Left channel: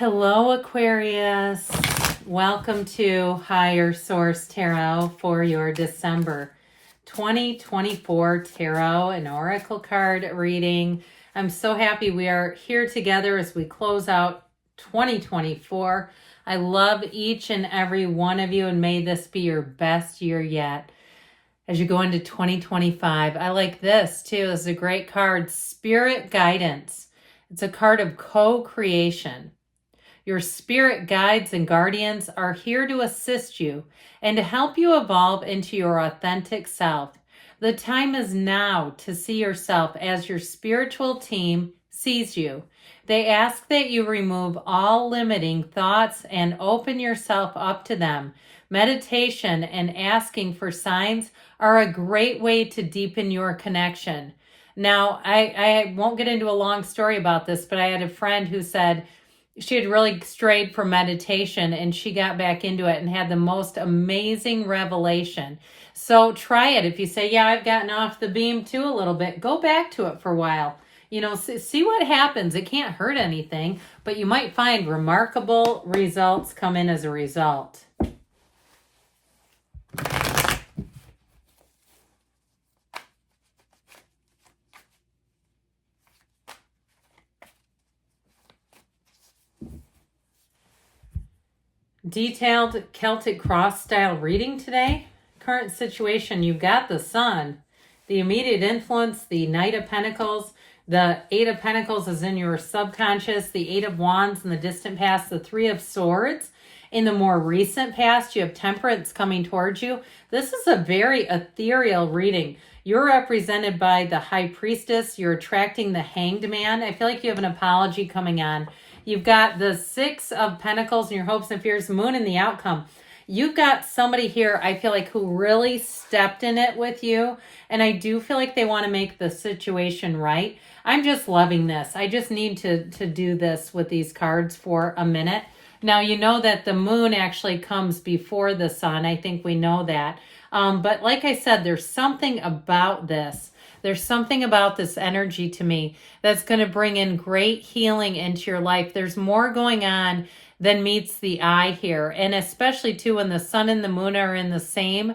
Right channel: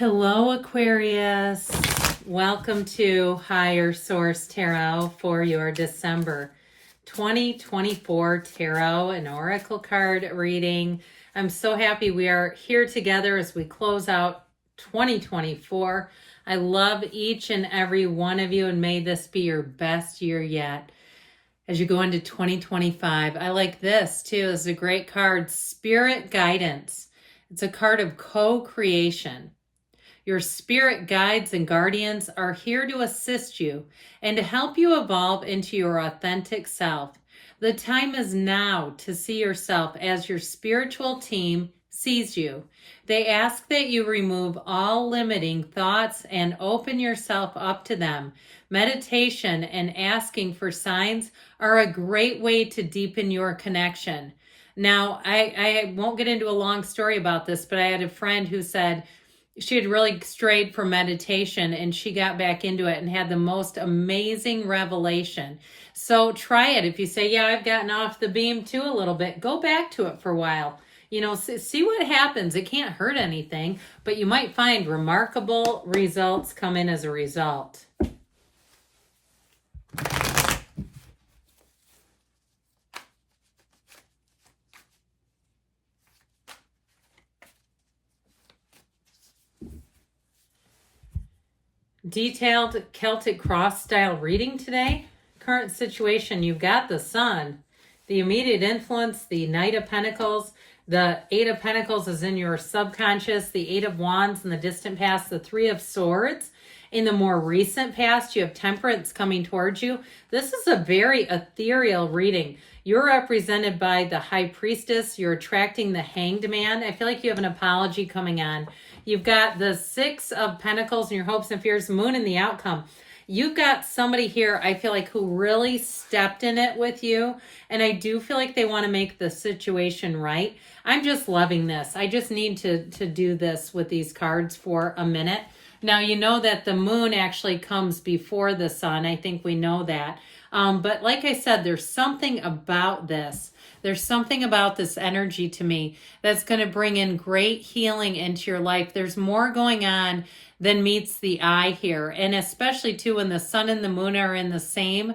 Hello, Aquarius. Welcome to Higher Source Tarot for your December 2024 Tarot and Oracle card reading. I'm so happy we are here together as we close out 2024. I love each and every one of you, and may this be your best year yet. As you go into 2025, I like this too. It's a great card, Spirit Guidance. It's a card of co-creation. Your spirit guides and guardians are here to assist you and to help you evolve into your authentic self. The time is now to see yourself as your spiritual team sees you. They ask that you remove all limiting thoughts and open yourself up to them. Meditation and asking for signs are a great way to deepen your connection. Now, I won't get into a long story about this, but I had a friend who said she had really strayed from meditation and she got back into it and had the most amazing revelation. So try it. If you say, yeah, I've gotten off the beam too a little bit, go back to it for a while. You know, see what happens. It can't hurt anything, but you might find remarkable results come in as a result. Detailed Celtic cross style reading today. Current situation, you've got the Sun, the immediate influence, the Knight of Pentacles. The Eight of Pentacles is in your subconscious, the Eight of Wands in the distant past, the Three of Swords. In the more recent past, you have Temperance coming towards you. This is a very ethereal reading. You're represented by the High Priestess. You're attracting the Hanged Man. I feel like you have an apology coming on. You've got the Six of Pentacles and your hopes and fears, Moon and the outcome. You've got somebody here, I feel like, who really stepped in it with you. And I do feel like they want to make the situation right. I'm just loving this. I just need to do this with these cards for a minute. Now, you know that the moon actually comes before the sun. I think we know that. But like I said, there's something about this. There's something about this energy to me that's going to bring in great healing into your life. There's more going on than meets the eye here. And especially too when the sun and the moon are in the same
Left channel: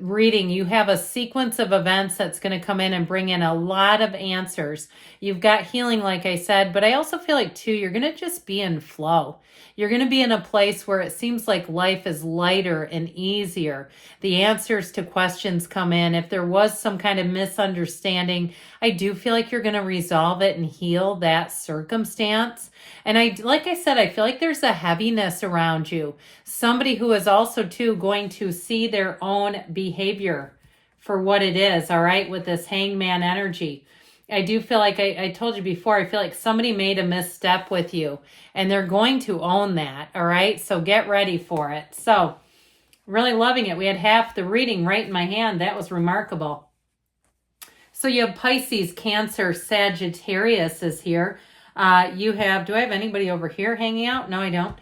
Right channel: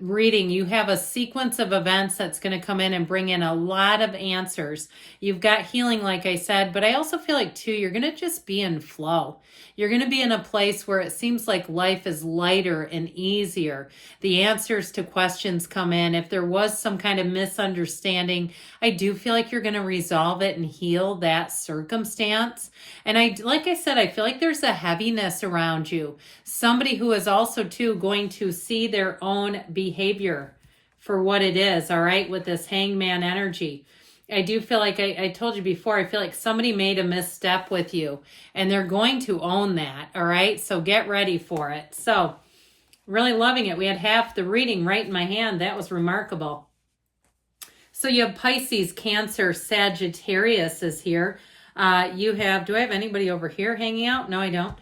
reading, you have a sequence of events that's going to come in and bring in a lot of answers. You've got healing, like I said, but I also feel like too, you're going to just be in flow. You're going to be in a place where it seems like life is lighter and easier. The answers to questions come in. If there was some kind of misunderstanding, I do feel like you're going to resolve it and heal that circumstance. And like I said, I feel like there's a heaviness around you. Somebody who is also too going to see their own behavior for what it is, all right, with this hangman energy. I do feel like I told you before, I feel like somebody made a misstep with you and they're going to own that, all right? So get ready for it. So really loving it. We had half the reading right in my hand. That was remarkable. So you have Pisces, Cancer, Sagittarius is here. You have, do I have anybody over here hanging out? No, I don't.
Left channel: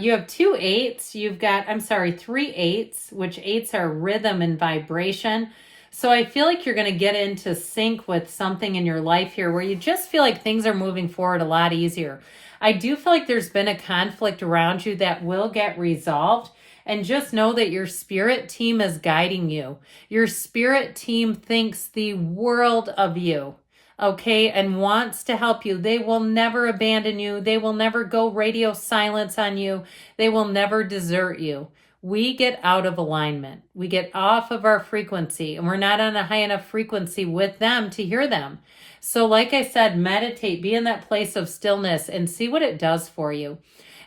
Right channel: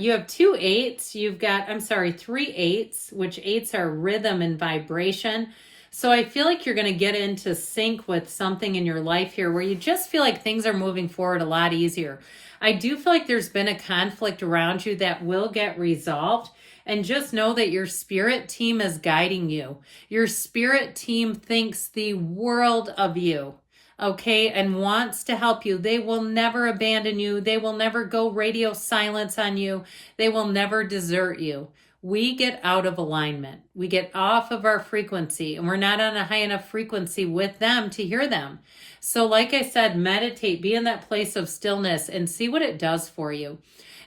You have 2 8s. You've got, 3 8s, which 8s are rhythm and vibration. So I feel like you're going to get into sync with something in your life here where you just feel like things are moving forward a lot easier. I do feel like there's been a conflict around you that will get resolved. And just know that your spirit team is guiding you. Your spirit team thinks the world of you, okay, and wants to help you. They will never abandon you. They will never go radio silence on you. They will never desert you. We get out of alignment. We get off of our frequency, and we're not on a high enough frequency with them to hear them. So like I said, meditate, be in that place of stillness and see what it does for you.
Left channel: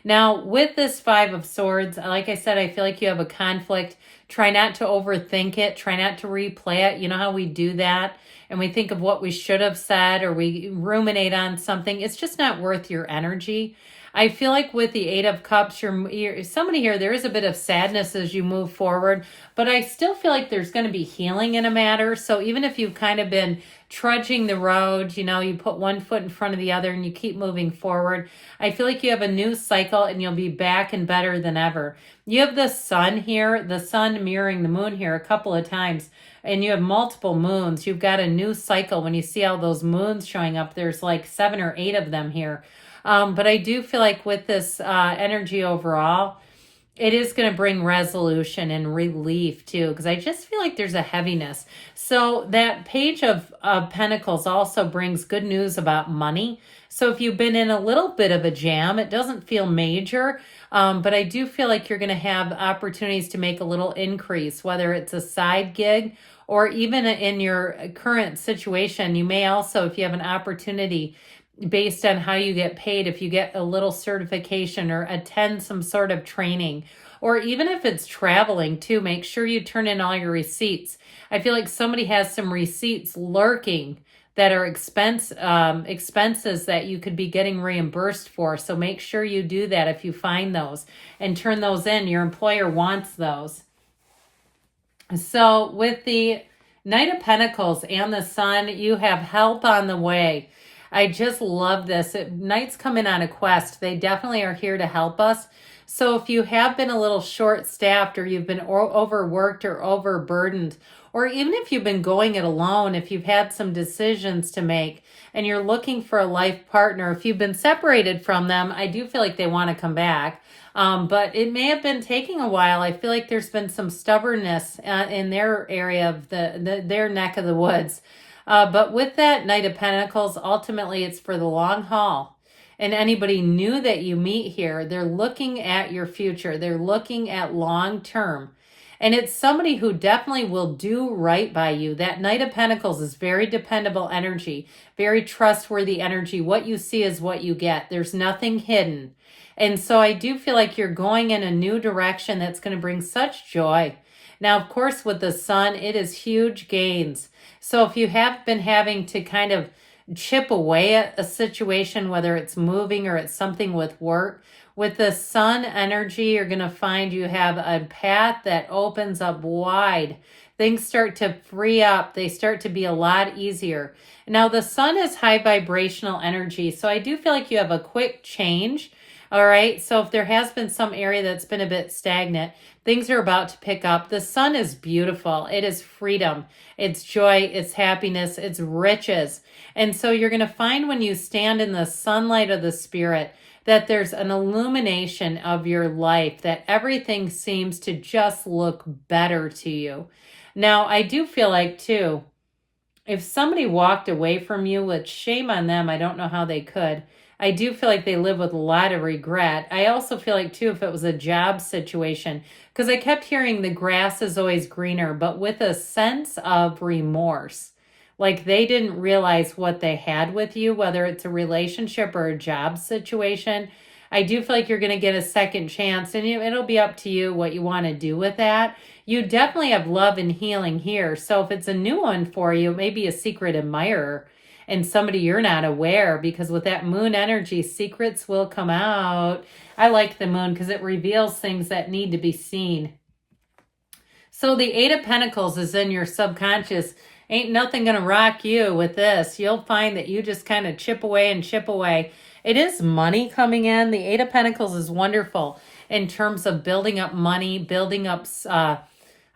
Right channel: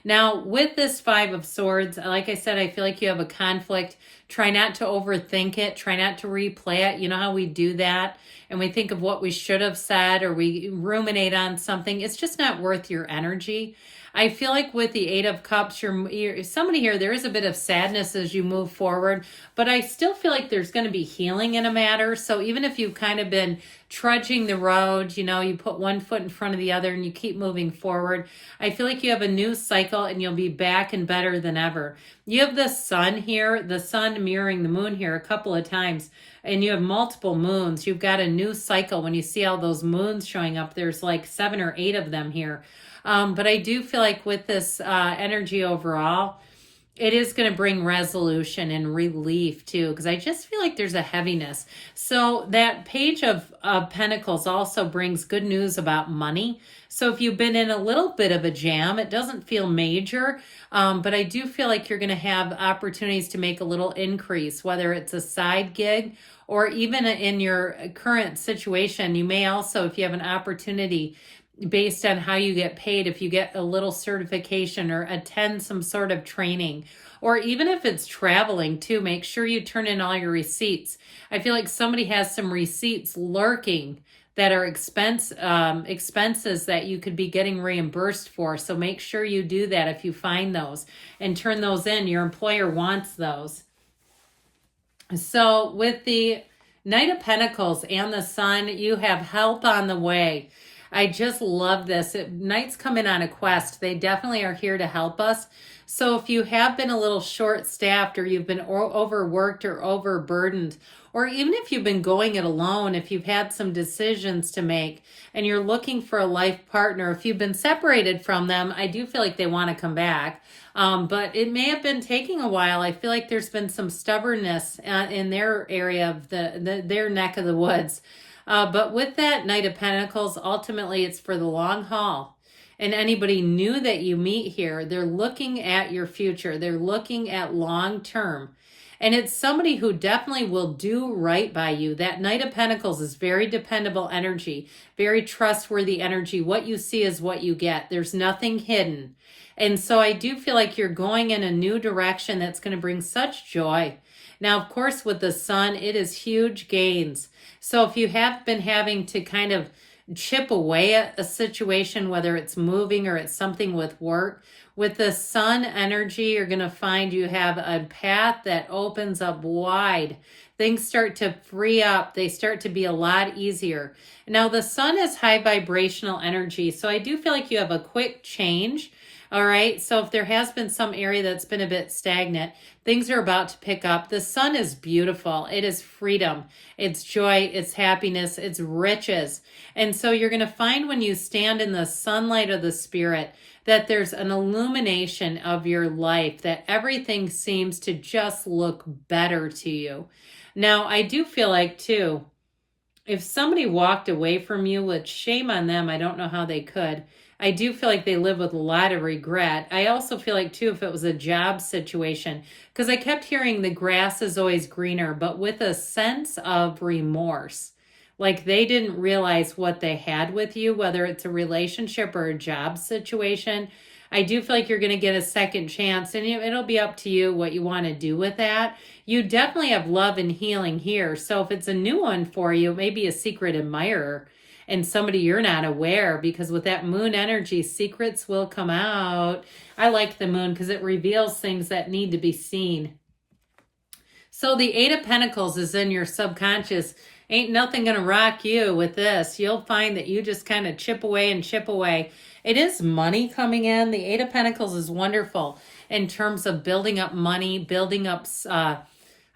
Now, with this Five of Swords, like I said, I feel like you have a conflict. Try not to overthink it. Try not to replay it. You know how we do that? And we think of what we should have said or we ruminate on something. It's just not worth your energy. I feel like with the Eight of Cups, you're somebody here, there is a bit of sadness as you move forward, but I still feel like there's going to be healing in a matter. So even if you've kind of been trudging the road, you know, you put one foot in front of the other and you keep moving forward, I feel like you have a new cycle and you'll be back and better than ever. You have the sun here, the sun mirroring the moon here a couple of times, and you have multiple moons. You've got a new cycle. When you see all those moons showing up, there's like 7 or 8 of them here. But I do feel like with this energy overall, it is going to bring resolution and relief too, because I just feel like there's a heaviness. So that Page of Pentacles also brings good news about money. So if you've been in a little bit of a jam, it doesn't feel major, but I do feel like you're going to have opportunities to make a little increase, whether it's a side gig or even in your current situation. You may also, if you have an opportunity based on how you get paid, if you get a little certification or attend some sort of training, or even if it's traveling too, make sure you turn in all your receipts. I feel like somebody has some receipts lurking that are expenses that you could be getting reimbursed for. So make sure you do that if you find those and turn those in. Your employer wants those. So with the Knight of Pentacles and the Sun, you have help on the way. I just love this. Knights come in on a quest. They definitely are here to help us. So if you have been a little short-staffed, or you've been overworked or overburdened, or even if you've been going it alone, if you've had some decisions to make and you're looking for a life partner, if you've been separated from them, I do feel like they want to come back. But it may have been taking a while. I feel like there's been some stubbornness in their area of their neck of the woods. But with that Knight of Pentacles, ultimately it's for the long haul. And anybody new that you meet here, they're looking at your future. They're looking at long term. And it's somebody who definitely will do right by you. That Knight of Pentacles is very dependable energy, very trustworthy energy. What you see is what you get. There's nothing hidden. And so I do feel like you're going in a new direction that's going to bring such joy. Now, of course, with the Sun, it is huge gains. So if you have been having to kind of chip away at a situation, whether it's moving or it's something with work, with the Sun energy, you're going to find you have a path that opens up wide. Things start to free up. They start to be a lot easier. Now, the Sun is high vibrational energy, so I do feel like you have a quick change. All right, so if there has been some area that's been a bit stagnant, things are about to pick up. The Sun is beautiful. It is freedom. It's joy. It's happiness. It's riches. And so you're going to find when you stand in the sunlight of the Spirit that there's an illumination of your life, that everything seems to just look better to you. Now, I do feel like, too, if somebody walked away from you, which shame on them, I don't know how they could, I do feel like they live with a lot of regret. I also feel like, too, if it was a job situation, because I kept hearing the grass is always greener, but with a sense of remorse. Like they didn't realize what they had with you, whether it's a relationship or a job situation. I do feel like you're going to get a second chance, and it'll be up to you what you want to do with that. You definitely have love and healing here. So if it's a new one for you, maybe a secret admirer and somebody you're not aware, because with that moon energy, secrets will come out. I like the moon because it reveals things that need to be seen. So the Eight of Pentacles is in your subconscious. Ain't nothing going to rock you with this. You'll find that you just kind of chip away and chip away. It is money coming in. The Eight of Pentacles is wonderful in terms of building up money, building up,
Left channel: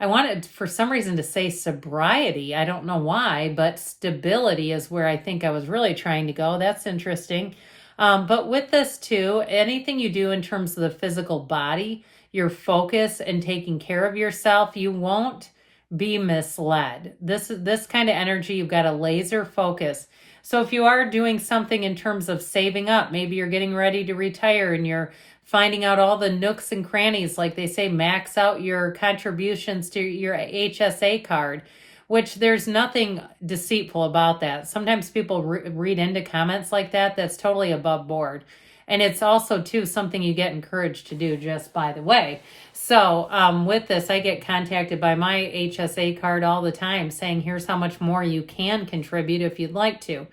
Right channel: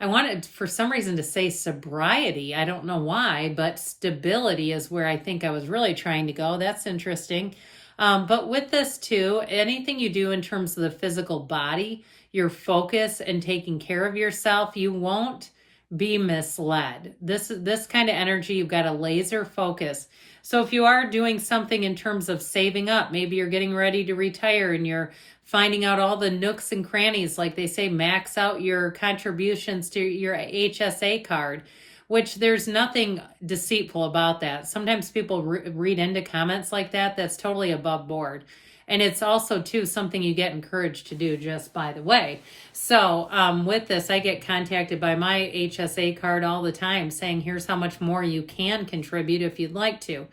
I wanted for some reason to say sobriety. I don't know why, but stability is where I think I was really trying to go. That's interesting. But with this too, anything you do in terms of the physical body, your focus and taking care of yourself, you won't be misled. This kind of energy, you've got a laser focus. So if you are doing something in terms of saving up, maybe you're getting ready to retire and you're finding out all the nooks and crannies, like they say, max out your contributions to your HSA card, which there's nothing deceitful about that. Sometimes people read into comments like that. That's totally above board. And it's also, too, something you get encouraged to do, just by the way. So with this, I get contacted by my HSA card all the time saying, here's how much more you can contribute if you'd like to.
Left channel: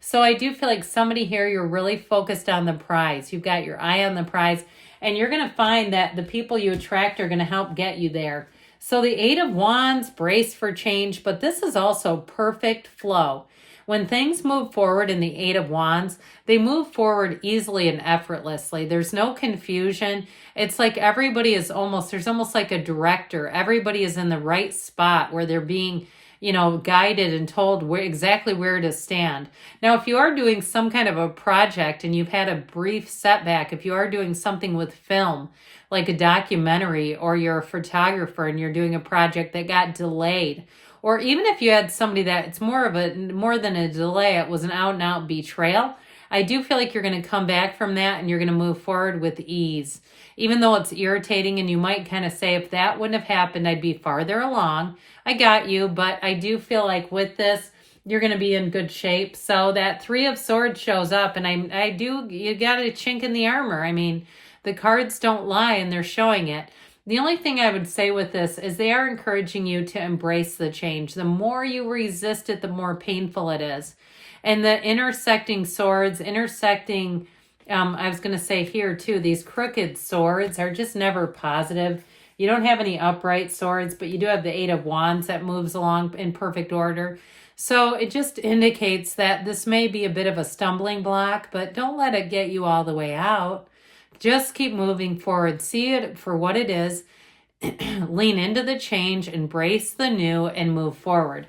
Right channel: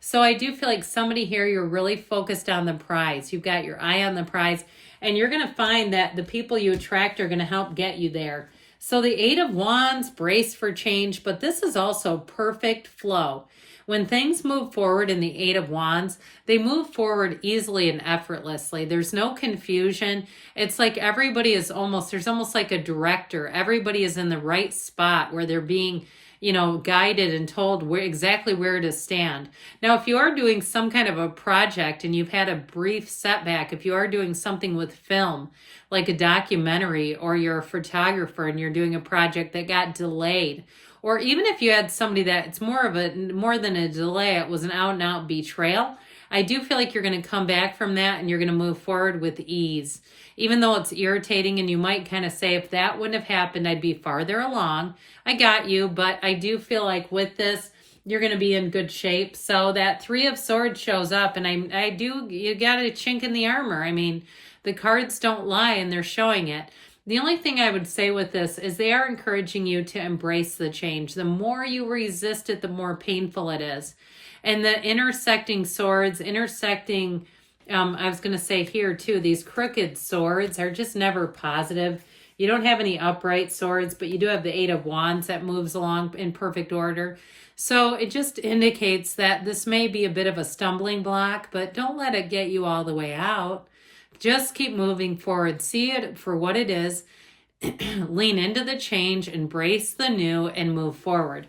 So I do feel like somebody here, you're really focused on the prize. You've got your eye on the prize, and you're going to find that the people you attract are going to help get you there. So the Eight of Wands, brace for change, but this is also perfect flow. When things move forward in the Eight of Wands, they move forward easily and effortlessly. There's no confusion. It's like everybody is there's almost like a director. Everybody is in the right spot where they're being guided and told exactly where to stand. Now, if you are doing some kind of a project and you've had a brief setback, if you are doing something with film, like a documentary, or you're a photographer and you're doing a project that got delayed, or even if you had somebody that it's more than a delay, it was an out and out betrayal, I do feel like you're going to come back from that and you're going to move forward with ease. Even though it's irritating and you might kind of say, if that wouldn't have happened, I'd be farther along. I got you, but I do feel like with this, you're going to be in good shape. So that Three of Swords shows up, and you got a chink in the armor. I mean, the cards don't lie and they're showing it. The only thing I would say with this is they are encouraging you to embrace the change. The more you resist it, the more painful it is. And the intersecting swords, I was going to say here too, these crooked swords are just never positive. You don't have any upright swords, but you do have the Eight of Wands that moves along in perfect order. So it just indicates that this may be a bit of a stumbling block, but don't let it get you all the way out. Just keep moving forward. See it for what it is. Lean into the change, embrace the new, and move forward.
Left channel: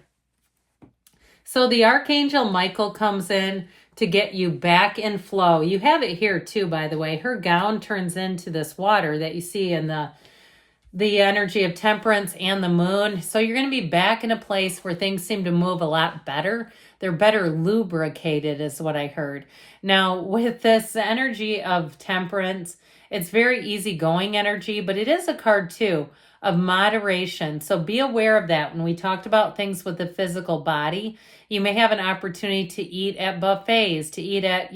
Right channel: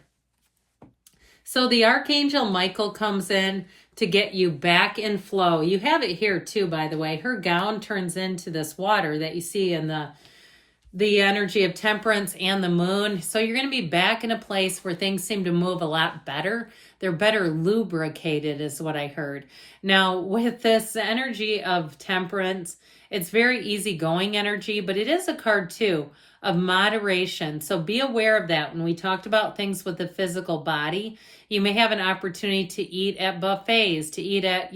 So the Archangel Michael comes in to get you back in flow. You have it here too, by the way. Her gown turns into this water that you see in the energy of temperance and the moon. So you're going to be back in a place where things seem to move a lot better. They're better lubricated is what I heard. Now, with this energy of temperance, it's very easygoing energy, but it is a card too of moderation. So be aware of that. When we talked about things with the physical body, you may have an opportunity to eat at buffets, to eat at,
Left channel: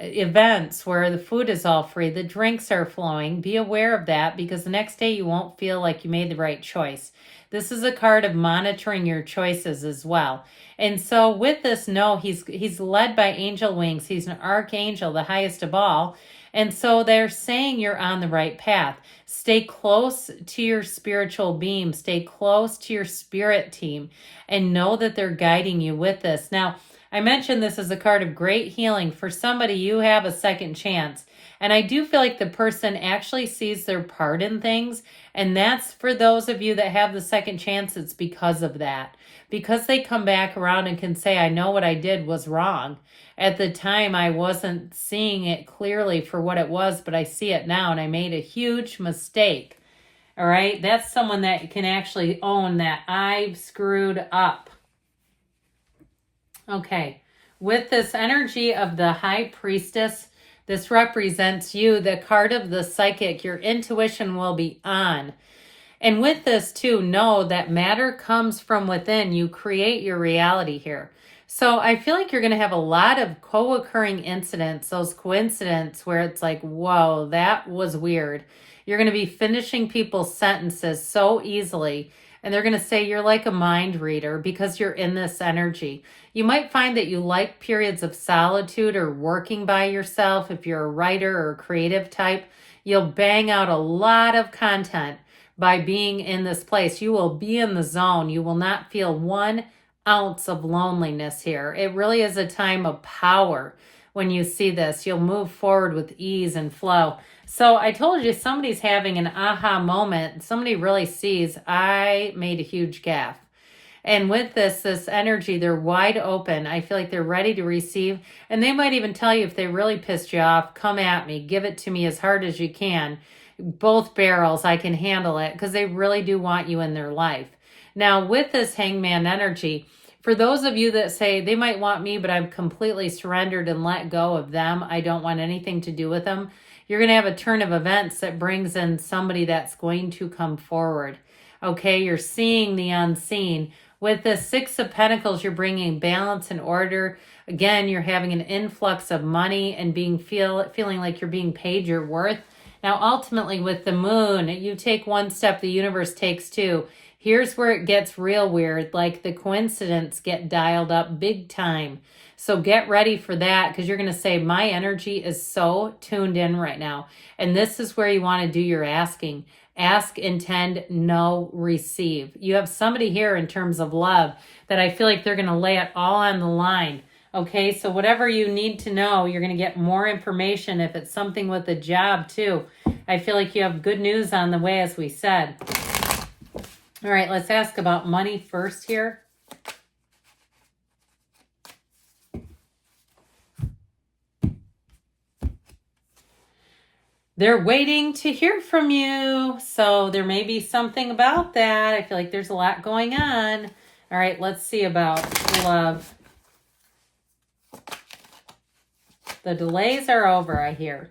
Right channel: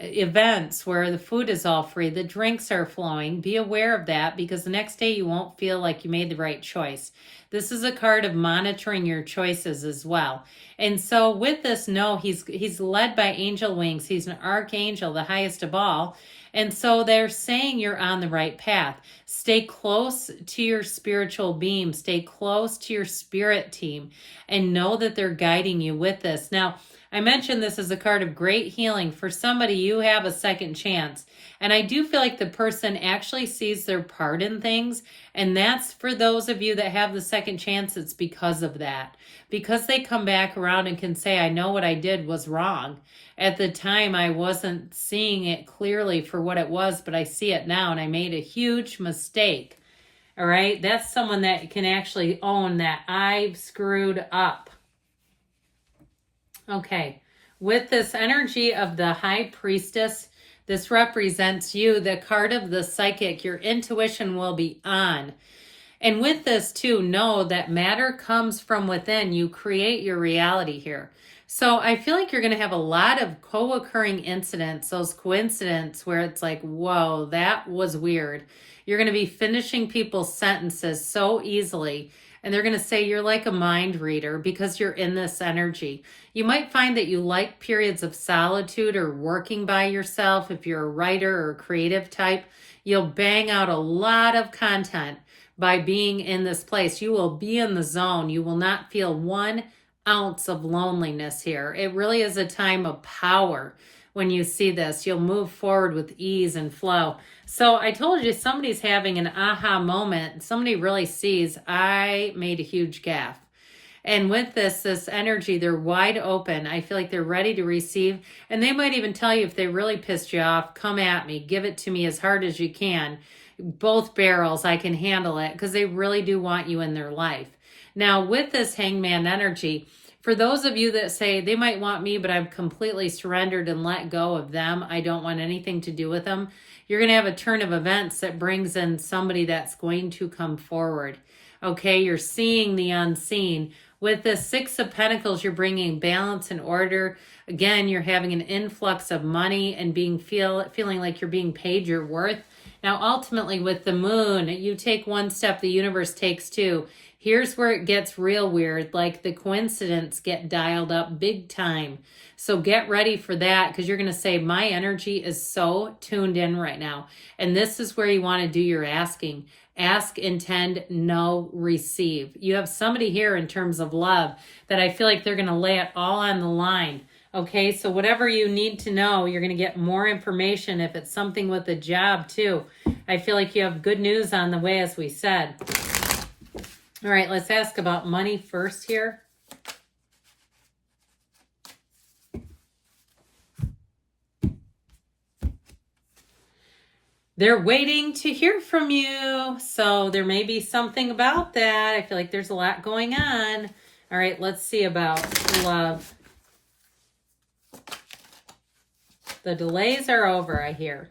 events where the food is all free, the drinks are flowing. Be aware of that, because the next day you won't feel like you made the right choice. This is a card of monitoring your choices as well. And so with this, he's led by angel wings. He's an archangel, the highest of all. And so they're saying you're on the right path. Stay close to your spiritual beam. Stay close to your spirit team and know that they're guiding you with this. Now, I mentioned this as a card of great healing. For somebody, you have a second chance. And I do feel like the person actually sees their part in things. And that's for those of you that have the second chance, it's because of that. Because they come back around and can say, I know what I did was wrong. At the time, I wasn't seeing it clearly for what it was, but I see it now, and I made a huge mistake. All right? That's someone that can actually own that I've screwed up. Okay. With this energy of the High Priestess, this represents you, the card of the psychic. Your intuition will be on. And with this too, know that matter comes from within. You create your reality here. So I feel like you're going to have a lot of co-occurring incidents, those coincidences where it's like, whoa, that was weird. You're going to be finishing people's sentences so easily. And they're going to say you're like a mind reader because you're in this energy. You might find that you like periods of solitude or working by yourself. If you're a writer or a creative type, you'll bang out a lot of content by being in this place. You will be in the zone. You will not feel 1 ounce of loneliness here. It really is a time of power when you see this. You'll move forward with ease and flow. So I told you somebody's having an aha moment. Somebody really sees, I made a huge gaffe. And with this energy, they're wide open. I feel like they're ready to receive. And they might even tell you if they really pissed you off, come at me, give it to me as hard as you can. Both barrels, I can handle it, because they really do want you in their life. Now, with this hangman energy, for those of you that say they might want me, but I've completely surrendered and let go of them, I don't want anything to do with them, you're going to have a turn of events that brings in somebody that's going to come forward. Okay, you're seeing the unseen. With the Six of Pentacles, you're bringing balance and order. Again, you're having an influx of money and feeling like you're being paid your worth. Now, ultimately, with the moon, you take one step, the universe takes two. Here's where it gets real weird, like the coincidence get dialed up big time. So get ready for that, because you're going to say, my energy is so tuned in right now. And this is where you want to do your asking. Ask, intend, know, receive. You have somebody here in terms of love that I feel like they're going to lay it all on the line. Okay, so whatever you need to know, you're going to get more information. If it's something with a job too, I feel like you have good news on the way, as we said. All right, let's ask about money first here. They're waiting to hear from you. So there may be something about that. I feel like there's a lot going on. All right, let's see about love. The delays are over, I hear.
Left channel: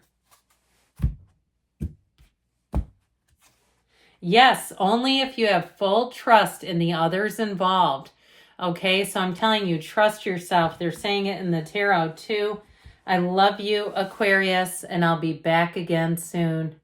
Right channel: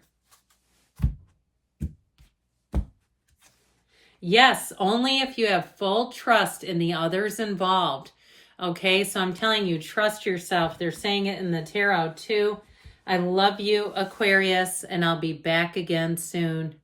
Yes, only if you have full trust in the others involved. Okay, so I'm telling you, trust yourself. They're saying it in the tarot too. I love you, Aquarius, and I'll be back again soon.